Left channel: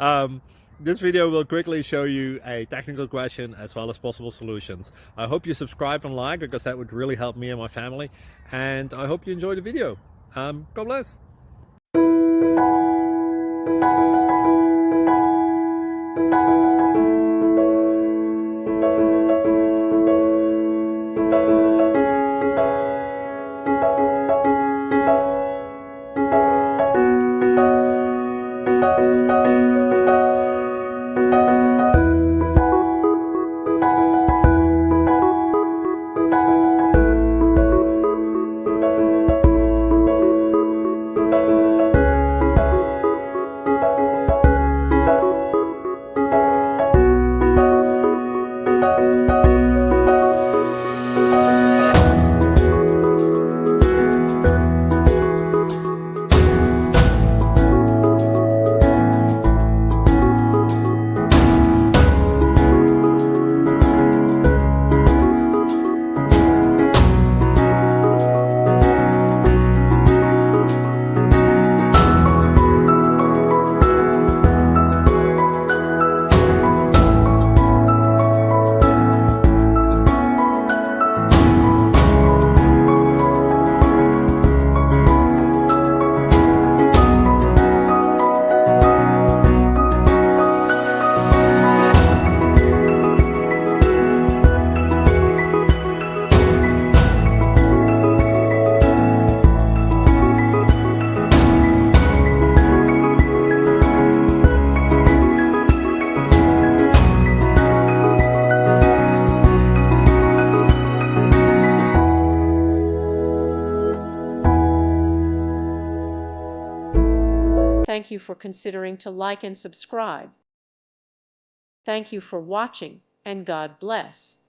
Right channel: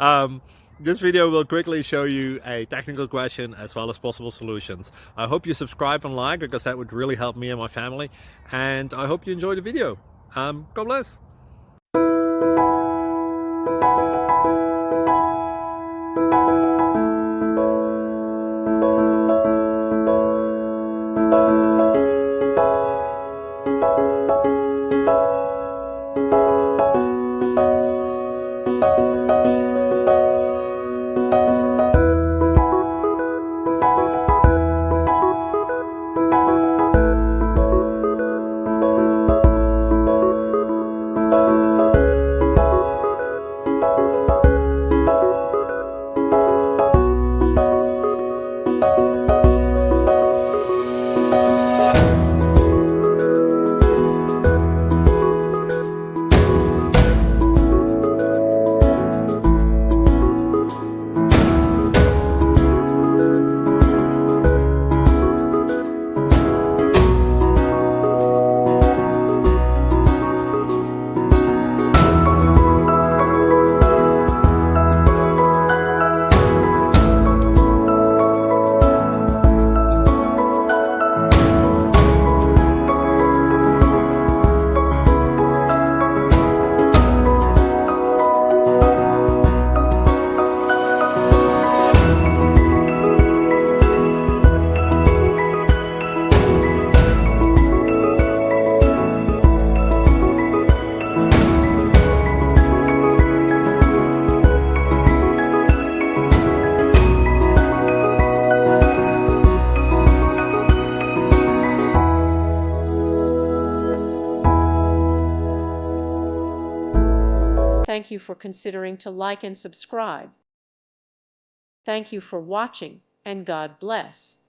um, this video will quickly show you a technical question as well as possible solutions. I hope you subscribe and like, because that would really help me and my family. And I hope you enjoy the video. God bless. Thank you for considering to like and subscribe. Thank you for watching, and God bless.